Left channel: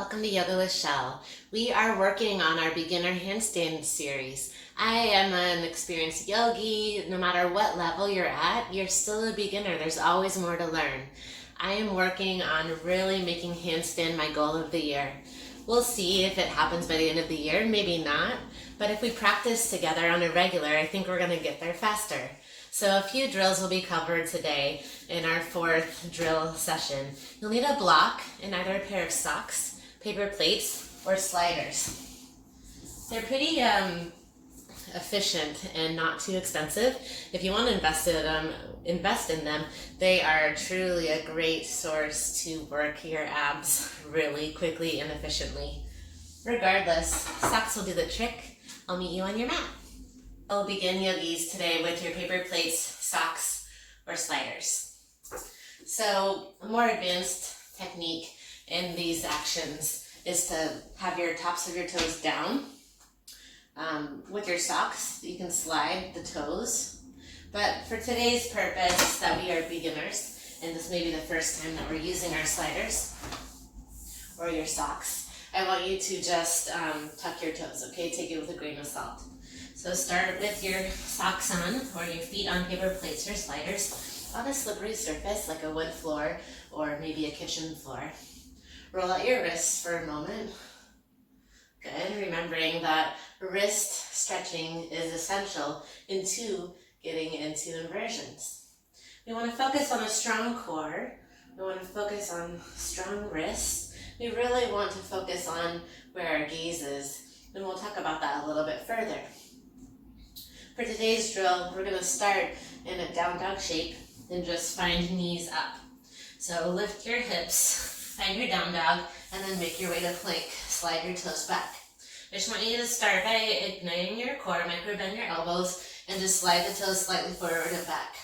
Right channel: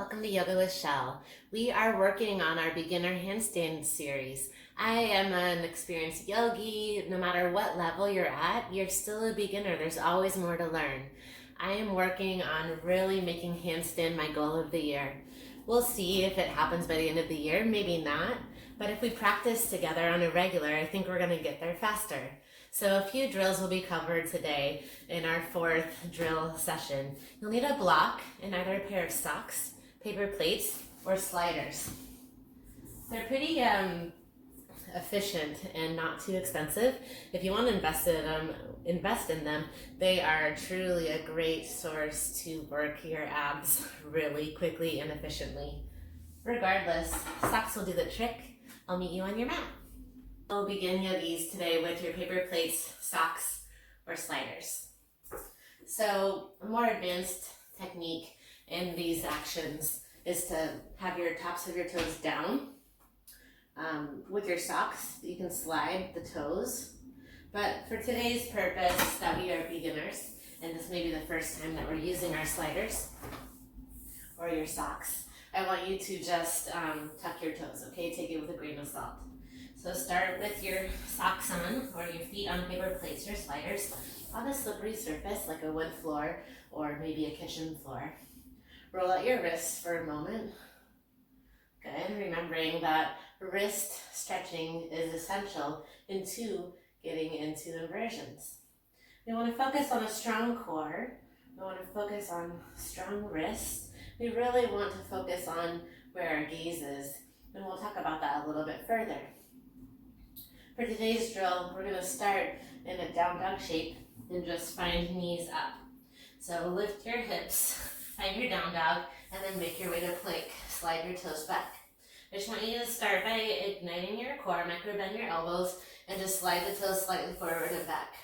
Welcome to Yoga with Shell. We are working on our beginner handstand series. I am an experienced yogi. No matter what level you're at, you're still a beginner. There's always more to learn. I am working on really making handstand my goal of the year. We'll see if it happens by the end of the year, maybe not. But if we practice together on a regular, I think we're going to get there faster. So a few drills will be covered today in our fourth drill session. You'll need a block and either a pair of socks, paper plates, or sliders. They're pretty efficient and not too expensive. If you want to invest in them, they are truly a great source to work your abs really quickly and efficiently. Regardless, socks will do the trick. I'll meet you on your mat. I'll begin yogis today with your paper plates, socks, or sliders. So a more advanced technique in these actions is to have your tops of your toes down. With your socks, you can slide the toes. But for today's purpose, that we are beginners, and this may be the first time that we're using our sliders or your socks, I want you to just tuck your toes, okay? Take it with a grain of salt. So start with your socks on, or your feet on paper plates or sliders on a slippery surface like a wood floor or maybe a kitchen floor. Roll out your wrists for a moment. Good, remembering that wrist stretching is essential into getting into inversions. We want to focus on a strong core. We want to focus on strong wrists. We really want to focus on where our gaze is, and we'll talk about that a little bit further. For today's drill, we're going to start in a down dog shape and just find knees up. So lift your hips, find your down dog, and then make your way to plank. Slide your toes back. I just want you to start by igniting your core, micro bend your elbows, and just slide the toes slightly forward and back.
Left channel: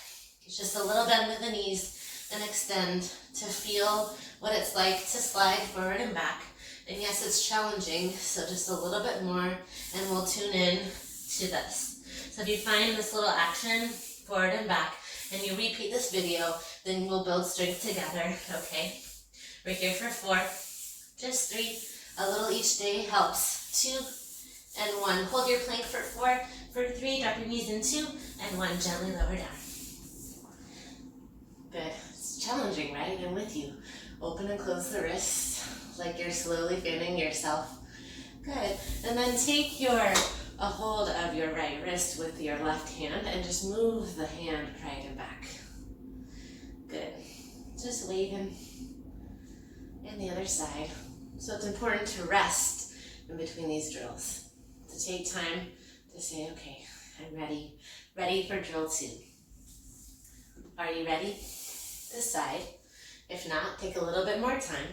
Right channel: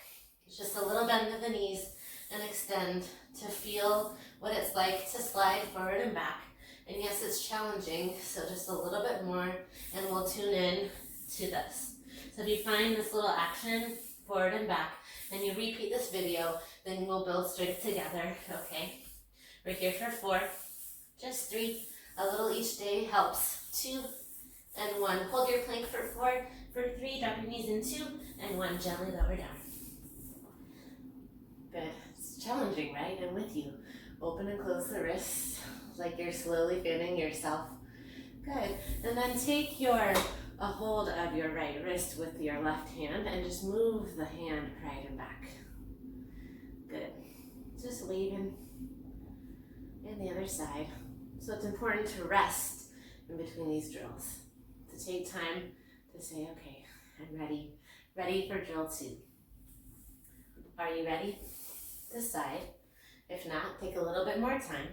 It's just a little bend of the knees and extend to feel what it's like to slide forward and back. And yes, it's challenging, so just a little bit more, and we'll tune in to this. So if you find this little action, forward and back, and you repeat this video, then we'll build strength together, okay? We're here for 4, just 3, a little each day helps. 2 and 1. Hold your plank for 4, for 3, drop your knees in 2, and 1, gently lower down. Good. It's challenging, right? I'm with you. Open and close the wrists like you're slowly fanning yourself. Good. And then take a hold of your right wrist with your left hand and just move the hand right and back. Good. Just waving. And the other side. So it's important to rest in between these drills. To take time to say, okay, I'm ready for drill 2. Are you ready? Decide. If not, take a little bit more time.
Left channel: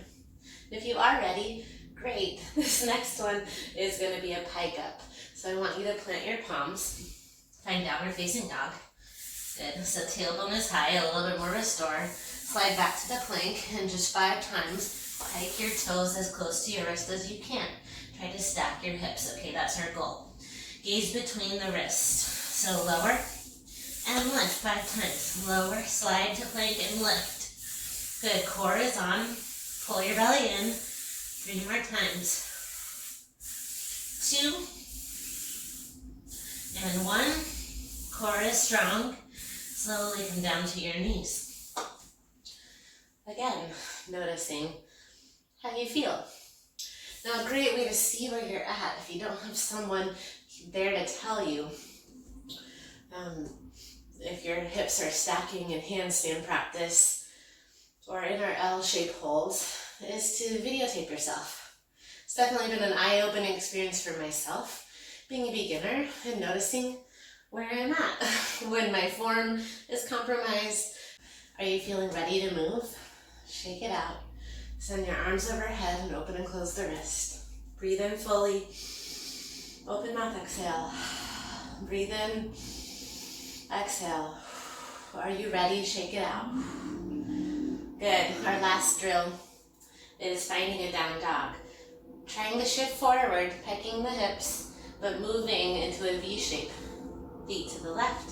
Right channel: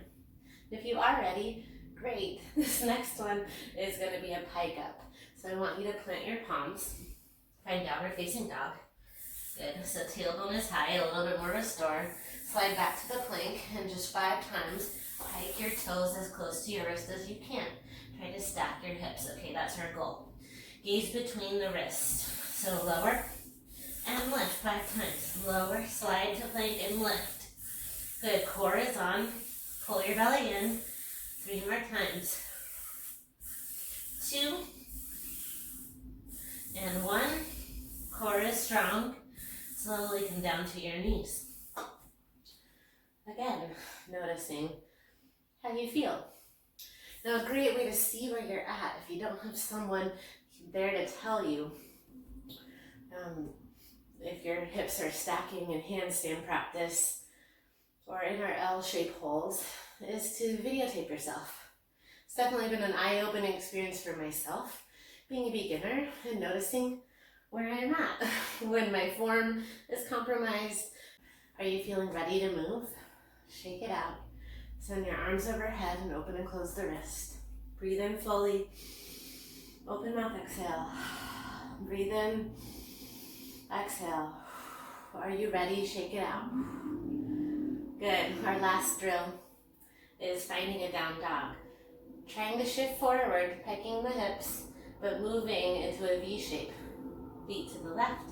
If you are ready, great. This next one is going to be a pike up. So I want you to plant your palms, find downward facing dog. Good. So tailbone is high, a little bit more restore. Slide back to the plank, and just 5 times, pike your toes as close to your wrist as you can. Try to stack your hips. Okay, that's our goal. Gaze between the wrists. So lower and lift 5 times. Lower, slide to plank and lift. Good. Core is on. Pull your belly in. 3 more times. 2 and 1. Core is strong. Slowly come down to your knees. Again, noticing how you feel. Now, a great way to see where you're at, if you don't have someone there to tell you, if your hips are stacking in handstand practice or in our L-shaped holds, is to videotape yourself. It's definitely been an eye-opening experience for myself, being a beginner and noticing where I'm at when my form is compromised. Are you feeling ready to move? Shake it out. Send your arms overhead and open and close the wrist. Breathe in fully. Open mouth, exhale. Breathe in, exhale. Are you ready? Shake it out. Good. Our last drill is finding a down dog. Trying to shift forward, pegging the hips, but moving into a V shape. Feet to the left,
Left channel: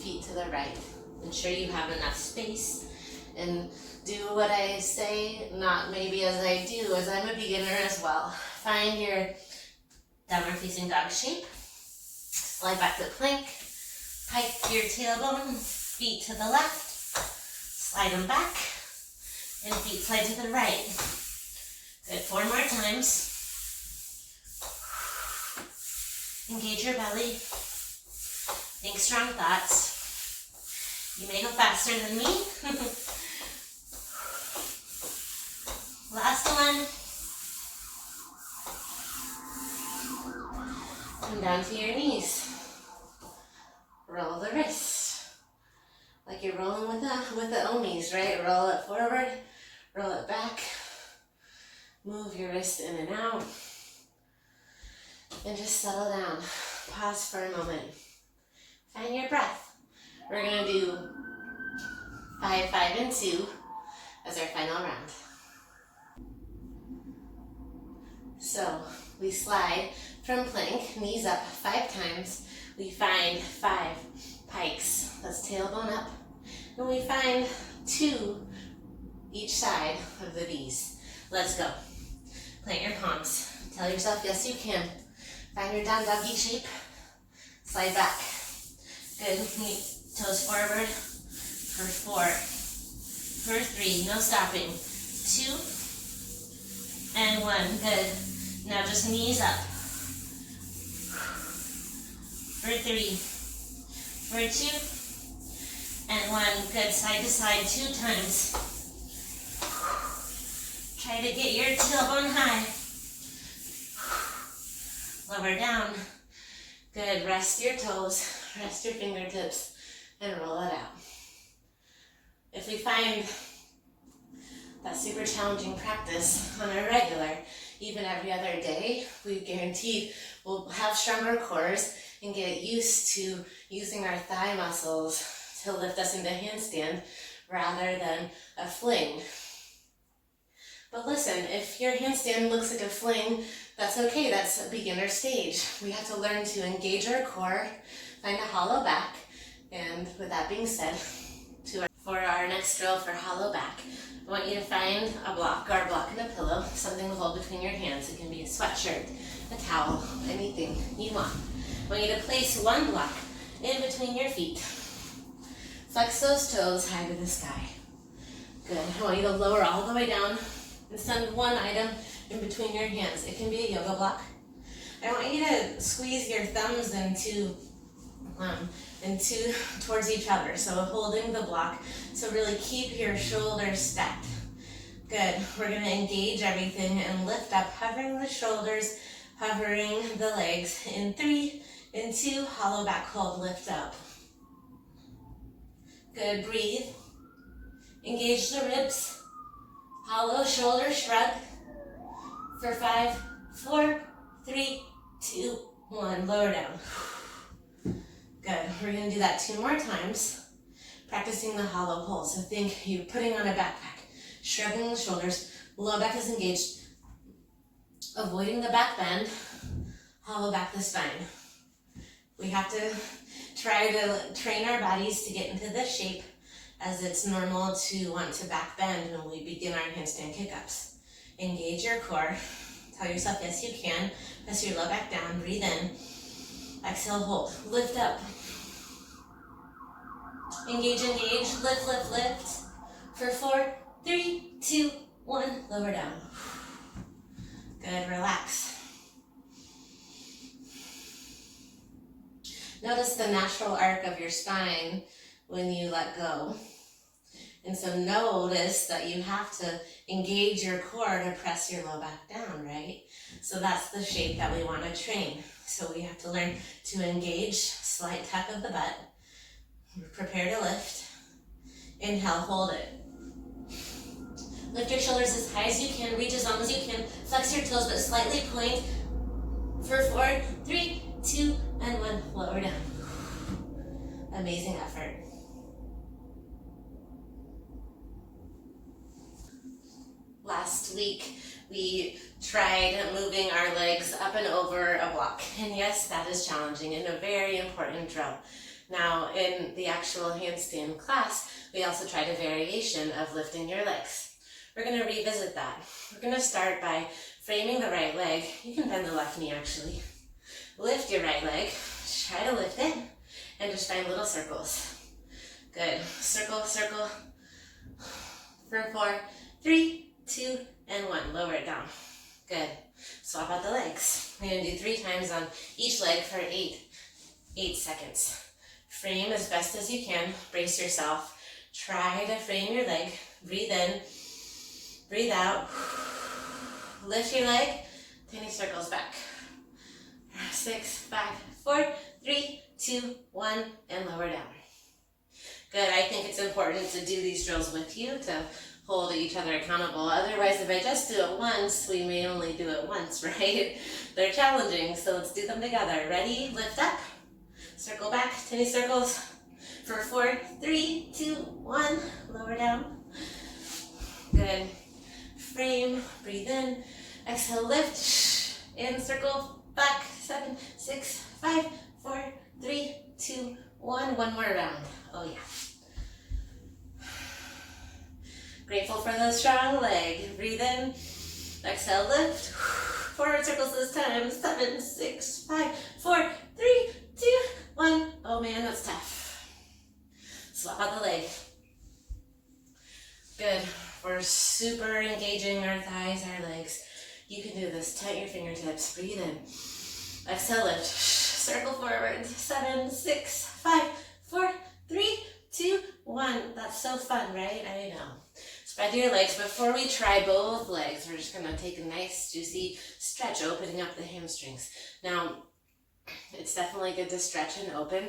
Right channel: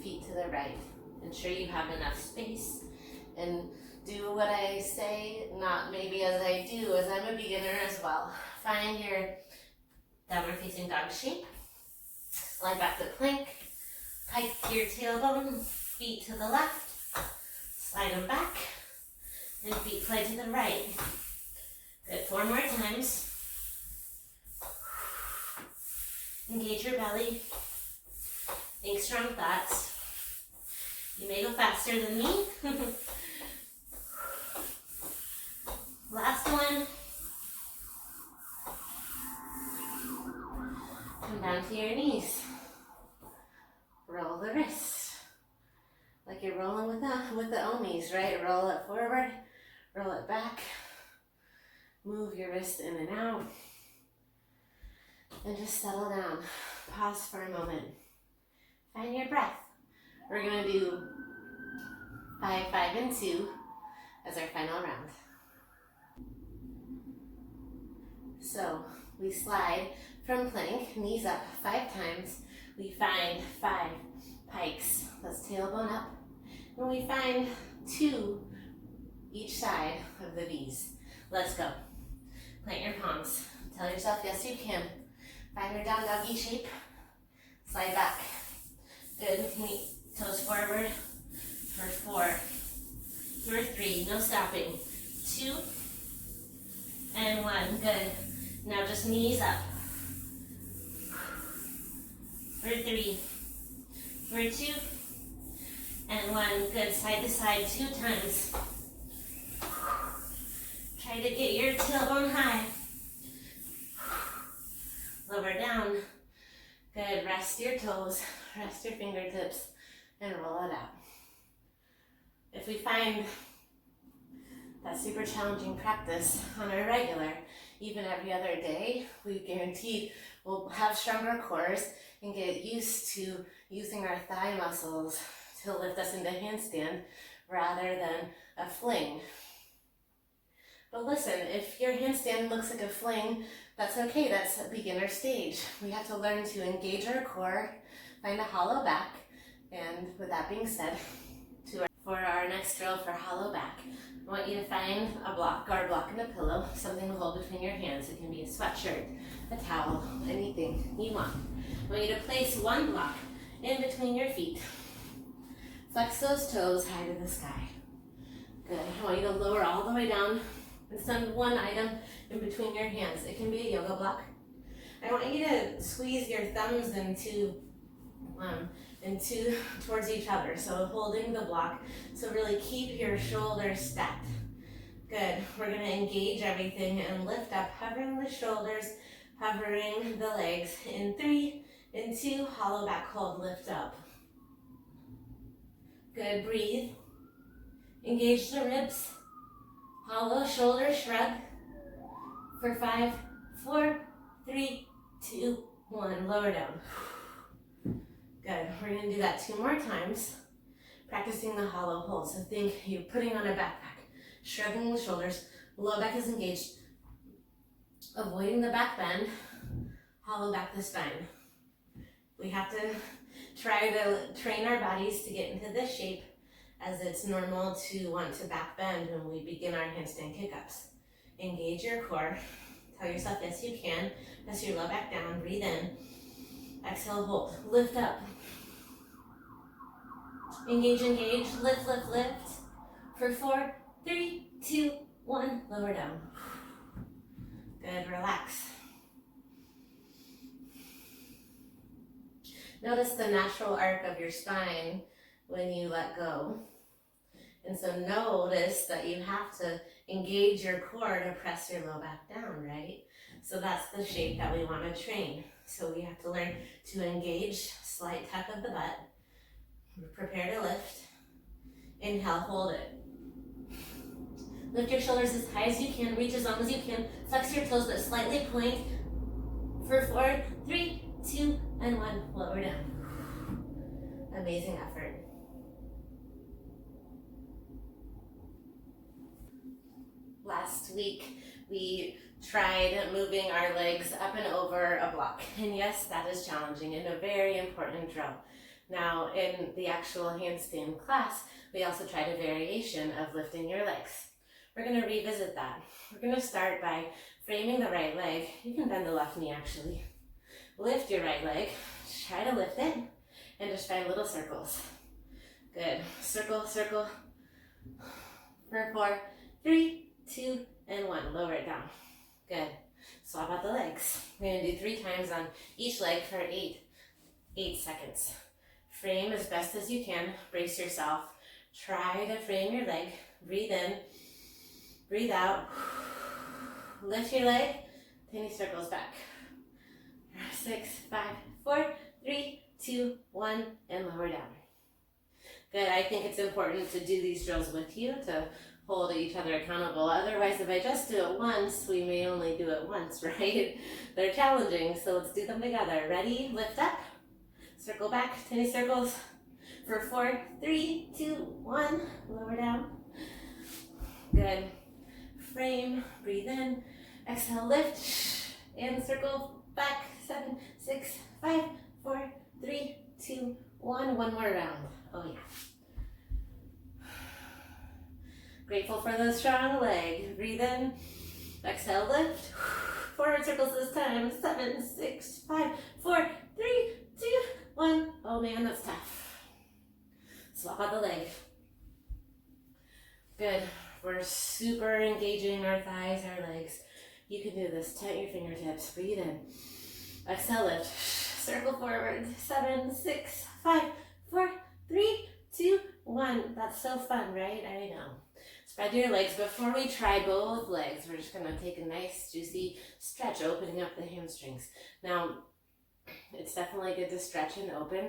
feet to the right. Ensure you have enough space and do what I say, not maybe as I do, as I'm a beginner as well. Find your downward facing dog shape. Slide back to plank. Pike your tailbone, feet to the left. Slide them back, and feet slide to the right. Good, 4 more times. Engage your belly. Think strong thoughts. You may go faster than me. Last one. Come down to your knees. Roll the wrist. Like you're rolling with the omis, right? Roll it forward, roll it back. Move your wrist in and out. And just settle down. Pause for a moment. Find your breath. We're gonna do 5, 5, and 2 as our final round. So we slide from plank, knees up 5 times. We find 5 pikes. That's tailbone up. And we find 2 each side of the V's. Let's go. Plant your palms. Tell yourself, yes, you can. Find your down doggy shape. Slide back. Good. Toes forward for 4, for 3. No stopping. 2 and 1. Good. Now just knees up. For 3, for 2 and 1. Good. Side to side 2 times. Try to get your tailbone high. Lower down. Good. Rest your toes, rest your fingertips, and roll it out. If we find that super challenging practice on our regular, even every other day, we guaranteed we'll have stronger cores and get used to using our thigh muscles to lift us into handstand rather than a fling. But listen, if your handstand looks like a fling, that's okay, that's a beginner stage. We have to learn to engage our core, find a hollow back, and with that being said, for our next drill for hollow back, I want you to find a block, guard block and a pillow, something to hold between your hands. It can be a sweatshirt, a towel, anything you want. I want you to place one block in between your feet. Flex those toes high to the sky. Good. I want you to lower all the way down and send one item in between your hands. It can be a yoga block. I want you to squeeze your thumbs into towards each other. So holding the block. So really keep your shoulders stacked. Good. We're going to engage everything and lift up, hovering the shoulders, hovering the legs. In 3, in 2, hollow back hold, lift up. Good. Breathe. Engage the ribs. Hollow shoulder shrug. For 5, 4, 3, 2, 1. Lower down. Good. We're going to do that 2 more times. Practicing the hollow hold. So think you're putting on a backpack. Shrugging the shoulders. Low back is engaged. Avoiding the back bend. Hollow back the spine. We have to try to train our bodies to get into this shape, as it's normal to want to back bend when we begin our handstand kick-ups. Engage your core. Tell yourself, yes, you can. Press your low back down. Breathe in. Exhale, hold. Lift up. Engage, engage. Lift, lift, lift. For 4, 3, 2, 1. Lower down. Good. Relax. Notice the natural arc of your spine when you let go. And so notice that you have to engage your core to press your low back down, right? So that's the shape that we want to train. So we have to learn to engage, slight tuck of the butt, prepare to lift, inhale, hold it. Lift your shoulders as high as you can, reach as long as you can, flex your toes but slightly point. For 4, 3, 2, and 1, lower down. Amazing effort. Last week, we tried moving our legs up and over a block. And yes, that is challenging and a very important drill. Now, in the actual handstand class, we also tried a variation of lifting your legs. We're going to revisit that. We're going to start by framing the right leg. You can bend the left knee actually. Lift your right leg, try to lift it, and just find little circles. Good. Circle, circle. For 4, 3, 2, and 1. Lower it down. Good. Swap out the legs. We're going to do 3 times on each leg for 8 seconds. Frame as best as you can. Brace yourself. Try to frame your leg. Breathe in. Breathe out. Lift your leg. Tiny circles back. 6, 5, 4, 3, 2, 1, and lower down. Good. I think it's important to do these drills with you to hold each other accountable. Otherwise, if I just do it once, we may only do it once, right? They're challenging, so let's do them together. Ready? Lift up. Circle back. Tiny circles. For 4, 3, 2, 1. Lower down. Good. Frame. Breathe in. Exhale, lift. And circle back. 7, 6, 5, 4, 3, 2, 1. One more round. Oh, yeah. Grateful for the strong leg. Breathe in. Exhale, lift. Forward circles this time. 7, 6, 5, 4, 3, 2, 1. Oh man, that's tough. Swap out the leg. Good. We're super engaging our thighs, our legs. You can do this. Tighten your fingertips. Breathe in. Exhale, lift. Circle forward. 7, 6, 5, 4, 3, 2, 1. That's so fun, right? I know. Spread your legs. Before we try both legs, we're just going to take a nice, juicy stretch, opening up the hamstrings. Now, it's definitely good to stretch and open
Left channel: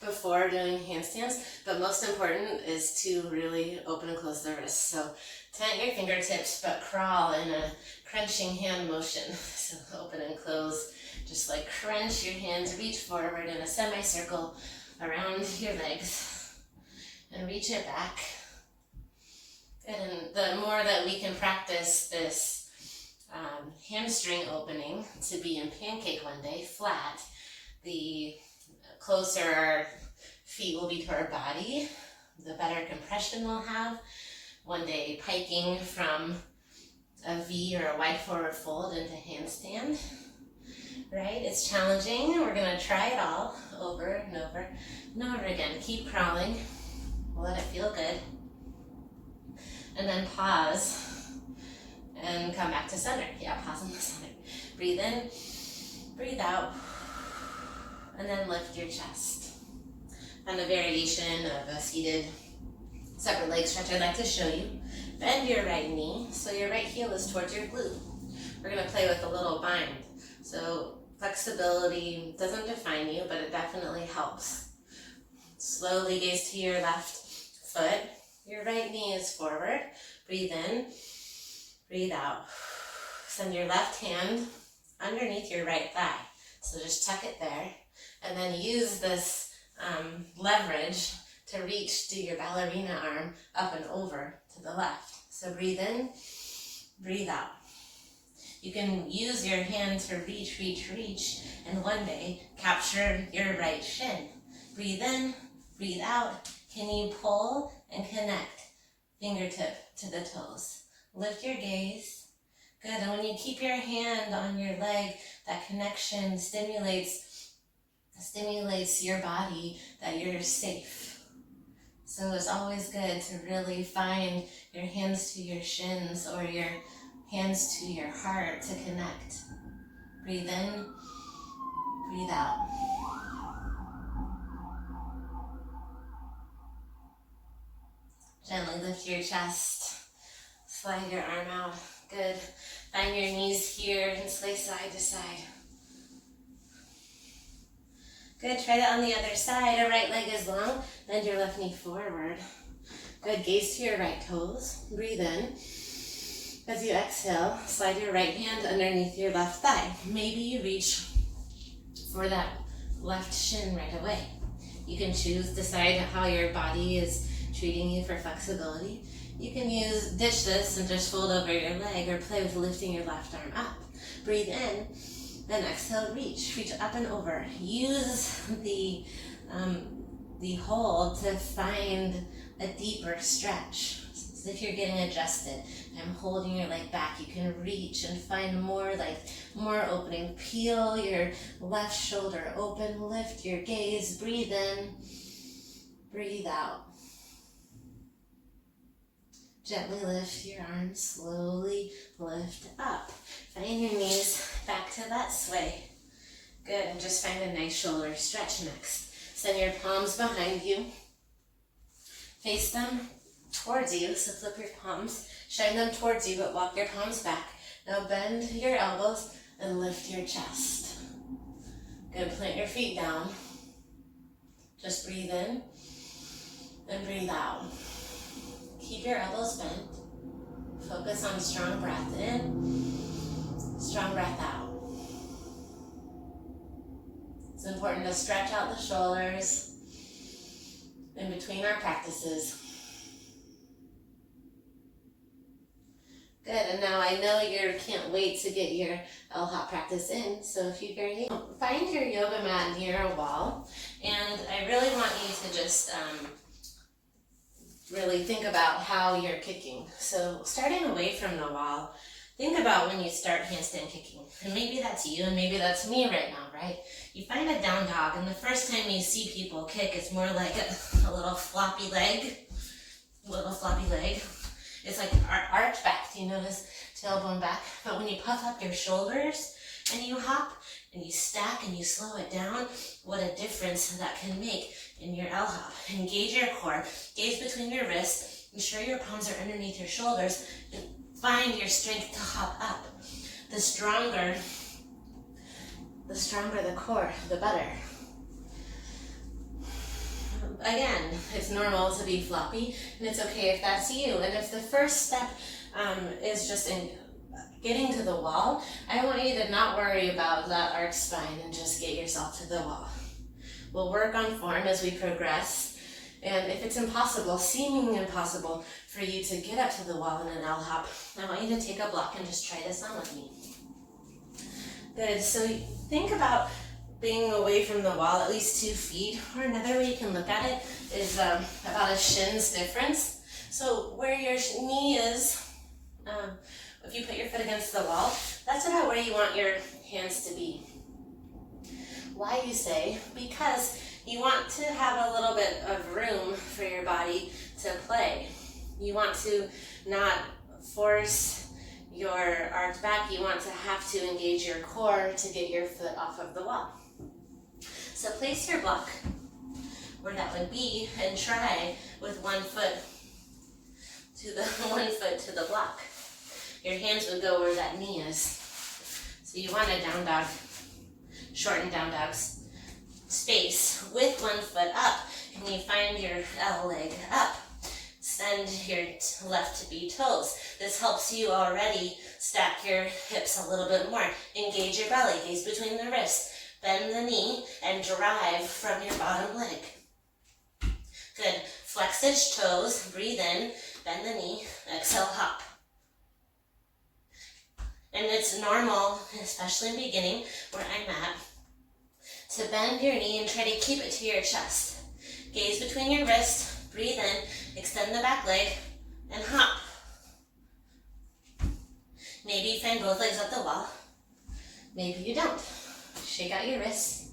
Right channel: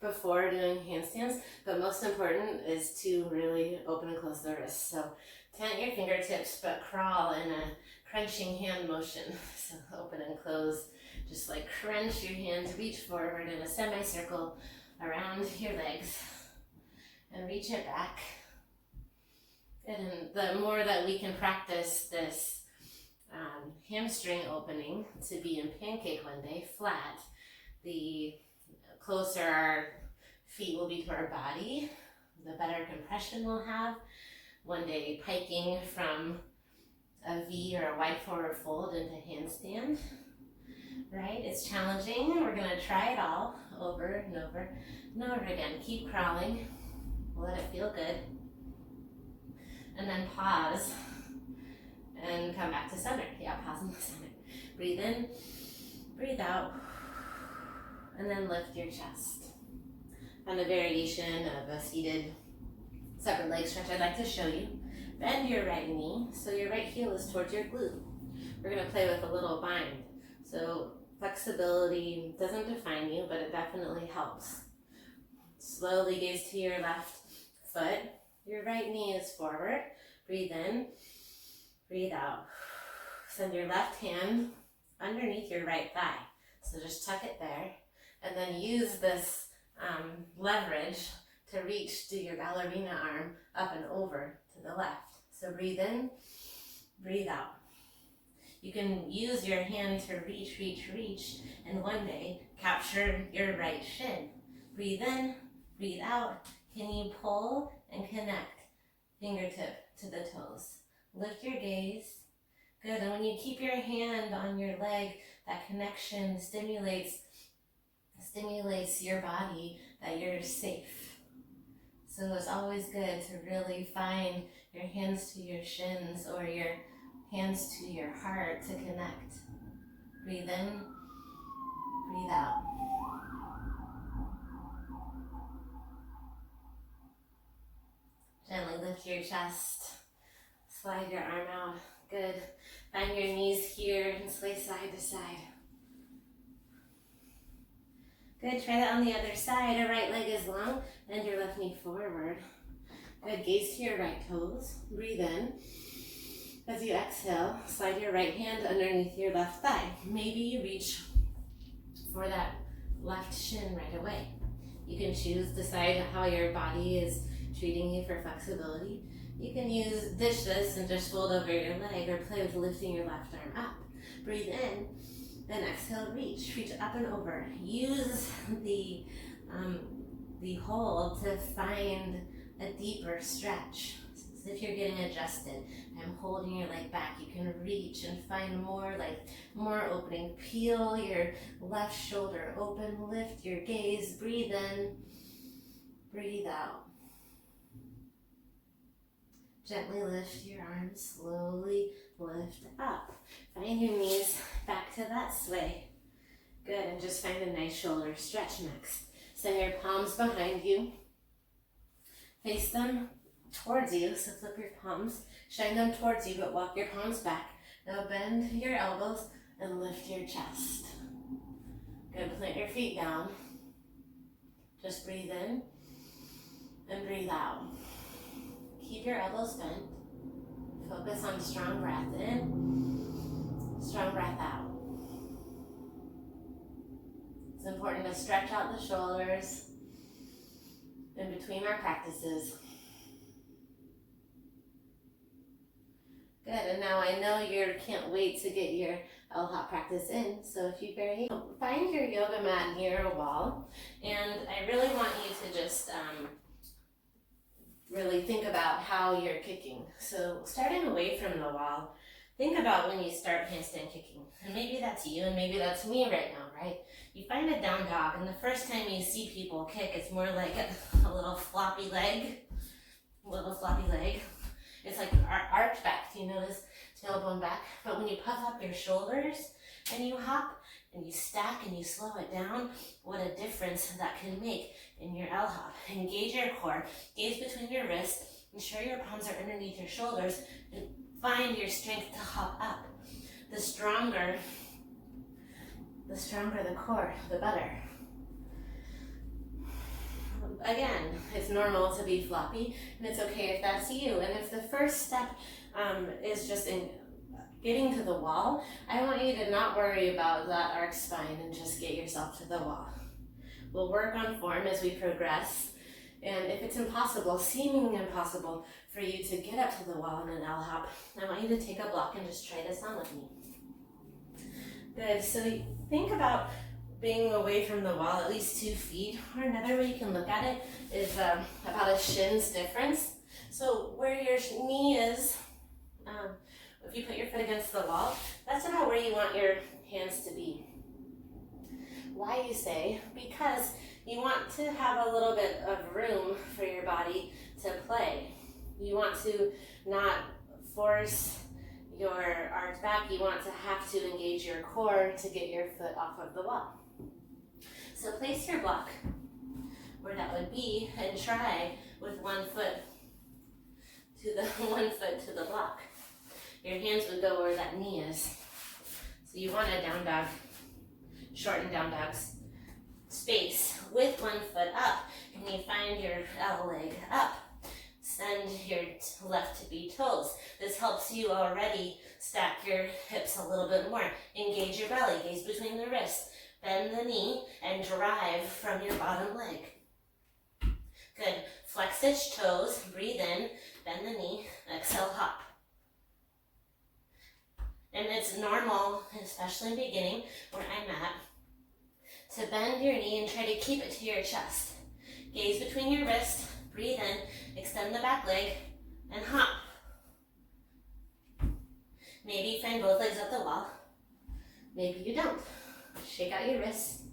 before doing handstands, but most important is to really open and close the wrists. So tent your fingertips, but crawl in a crunching hand motion. So open and close, just like crunch your hands, reach forward in a semicircle around your legs and reach it back. And the more that we can practice this hamstring opening to be in pancake one day, flat, the closer our feet will be to our body, the better compression we'll have. One day piking from a V or a wide forward fold into handstand, right? It's challenging. We're going to try it all over and over and over again. Keep crawling. Let it feel good. And then pause and come back to center. Yeah, pause in the center. Breathe in, breathe out, and then lift your chest. On a variation of a seated separate leg stretch, I'd like to show you. Bend your right knee so your right heel is towards your glute. We're going to play with a little bind. So flexibility doesn't define you, but it definitely helps. Slowly gaze to your left foot. Your right knee is forward. Breathe in, breathe out. Send your left hand underneath your right thigh. So just tuck it there. And then use this leverage to reach, do your ballerina arm up and over to the left. So breathe in, breathe out. You can use your hand to reach, reach, reach, and one day capture your right shin. Breathe in, breathe out. Can you pull and connect fingertip to the toes? Lift your gaze. Good. And when you keep your hand on your leg, that connection stimulates your body that you're safe. So it's always good to really find your hands to your shins or your hands to your heart to connect. Breathe in, breathe out. Gently lift your chest, slide your arm out. Good. Find your knees here and sway side to side. Good. Try that on the other side. Our right leg is long. Bend your left knee forward. Good. Gaze to your right toes. Breathe in. As you exhale, slide your right hand underneath your left thigh. Maybe you reach for that left shin right away. You can decide how your body is treating you for flexibility. You can ditch this and just fold over your leg or play with lifting your left arm up. Breathe in, Then exhale, reach up and over. Use the hold to find a deeper stretch. So if you're getting adjusted, I'm holding your leg back, you can reach and find more opening. Peel your left shoulder open, lift your gaze, breathe in, breathe out. Gently lift your arms, slowly lift up. Find your knees back to that sway. Good, and just find a nice shoulder stretch next. Send your palms behind you. Face them towards you, so flip your palms. Shine them towards you, but walk your palms back. Now bend your elbows and lift your chest. Good, plant your feet down. Just breathe in and breathe out. Keep your elbows bent. Focus on strong breath in, strong breath out. It's important to stretch out the shoulders in between our practices. Good, and now I know you can't wait to get your L-hop practice in, so if you find your yoga mat near a wall, and I really want you to just really think about how you're kicking. So starting away from the wall, think about when you start handstand kicking. And maybe that's you, and maybe that's me right now, right? You find a down dog, and the first time you see people kick, it's more like a little floppy leg. It's like arch back, do you notice? Tailbone back. But when you puff up your shoulders and you hop and you stack and you slow it down, what a difference that can make in your L-hop. Engage your core, gaze between your wrists, ensure your palms are underneath your shoulders, and find your strength to hop up. The stronger the core, the better. Again, it's normal to be floppy, and it's okay if that's you. And if the first step is just in getting to the wall, I want you to not worry about that arched spine and just get yourself to the wall. We'll work on form as we progress, and if it's impossible, seemingly impossible for you to get up to the wall in an L-hop, I want you to take a block and just try this on with me. Good, so think about being away from the wall at least 2 feet, or another way you can look at it is about a shin's difference. So where your knee is, if you put your foot against the wall, that's about where you want your hands to be. Why, you say? Because you want to have a little bit of room for your body to play. You want to not force your arch back. You want to have to engage your core to get your foot off of the wall. So place your block where that would be and try with one foot to the block. Your hands would go where that knee is. So you want a down dog, shorten down dog's space with one foot up. Can you find your L leg up? Send your left to be toes. This helps you already stack your hips a little bit more. Engage your belly, gaze between the wrists. Bend the knee and drive from your bottom leg. Good. Flex its toes, breathe in, bend the knee, exhale, hop. And it's normal, especially in the beginning, where I'm at, to bend your knee and try to keep it to your chest. Gaze between your wrists, breathe in, extend the back leg, and hop. Maybe you find both legs at the wall. Maybe you don't. Shake out your wrists.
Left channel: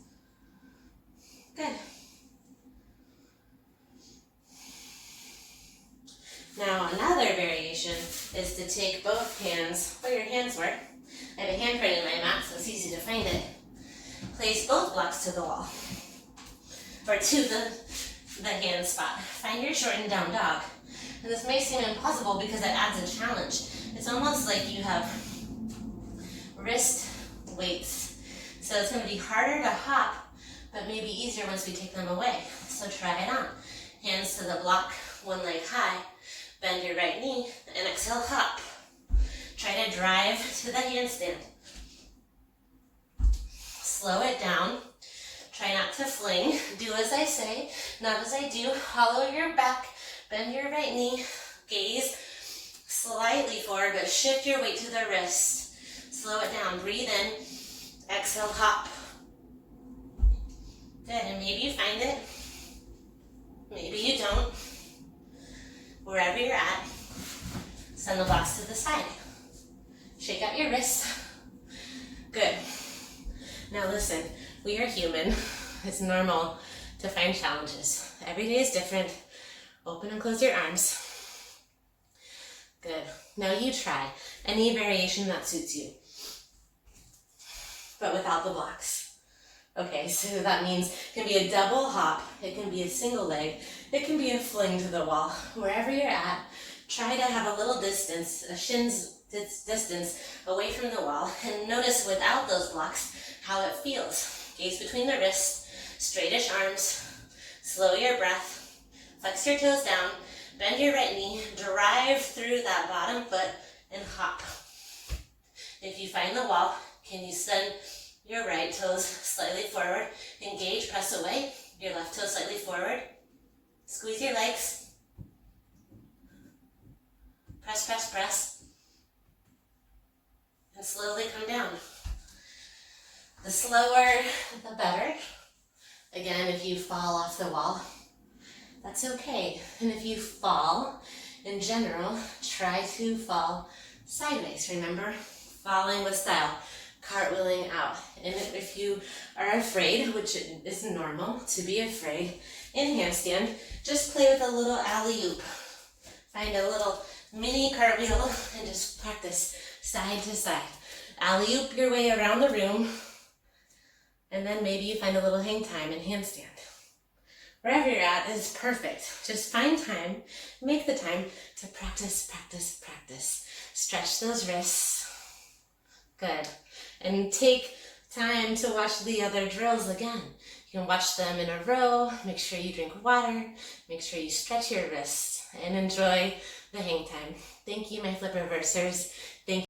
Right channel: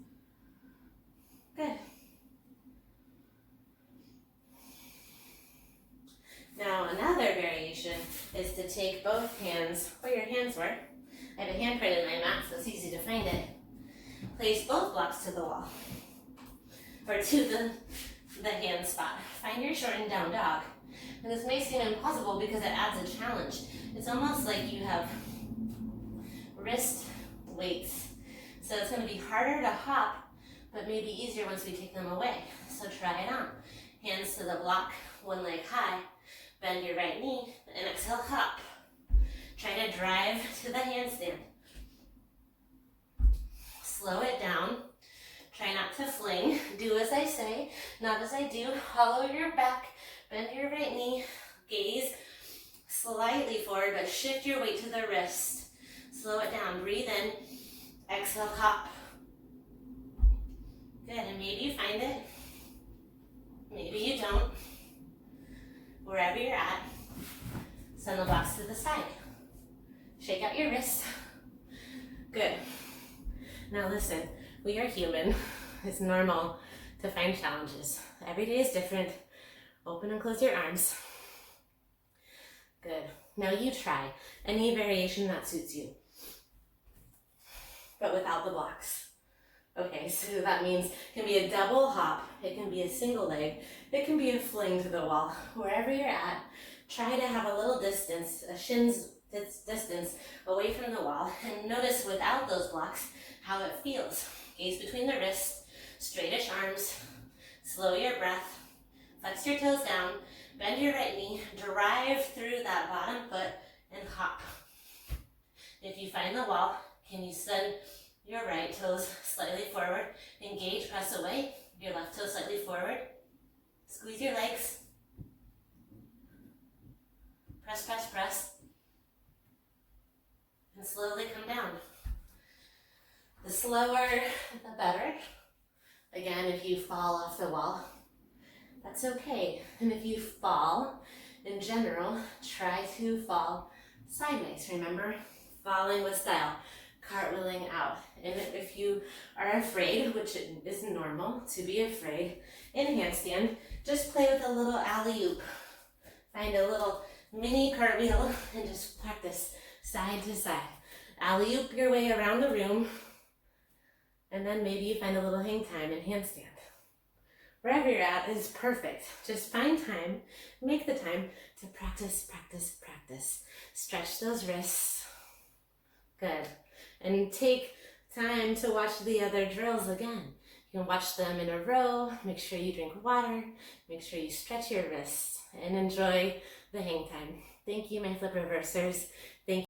Good. Now another variation is to take both hands where your hands were. I have a handprint in my mat, so it's easy to find it. Place both blocks to the wall, or to the hand spot. Find your shortened down dog. And this may seem impossible because it adds a challenge. It's almost like you have wrist weights. So it's going to be harder to hop, but maybe easier once we take them away. So try it on. Hands to the block, one leg high. Bend your right knee and exhale, hop. Try to drive to the handstand. Slow it down. Try not to fling. Do as I say, not as I do. Hollow your back, bend your right knee, gaze slightly forward, but shift your weight to the wrist. Slow it down. Breathe in Exhale, hop. Good, and maybe you find it. Maybe you don't. Wherever you're at, send the blocks to the side. Shake out your wrists. Good. Now listen, we are human. It's normal to find challenges. Every day is different. Open and close your arms. Good. Now you try any variation that suits you, but without the blocks. Okay, so that means it can be a double hop, it can be a single leg, it can be a fling to the wall. Wherever you're at, try to have a little distance, a shin's distance away from the wall, and notice without those blocks how it feels. Gaze between the wrists, straightish arms, slow your breath, flex your toes down, bend your right knee, drive through that bottom foot, and hop. If you find the wall, can you send your right toes slightly forward, engage, press away, your left toe slightly forward, squeeze your legs, press, press, press, and slowly come down. The slower, the better. Again, if you fall off the wall, that's okay. And if you fall, in general, try to fall sideways. Remember, falling with style, cartwheeling out. And if you are afraid, which is normal to be afraid, in handstand, just play with a little alley-oop. Find a little mini cartwheel and just practice side to side. Alley-oop your way around the room, and then maybe you find a little hang time in handstand. Wherever you're at is perfect. Just find time, make the time to practice, practice, practice. Stretch those wrists. Good. And take time to watch the other drills again. You can watch them in a row, make sure you drink water, make sure you stretch your wrists, and enjoy the hang time. Thank you, my flip reversers.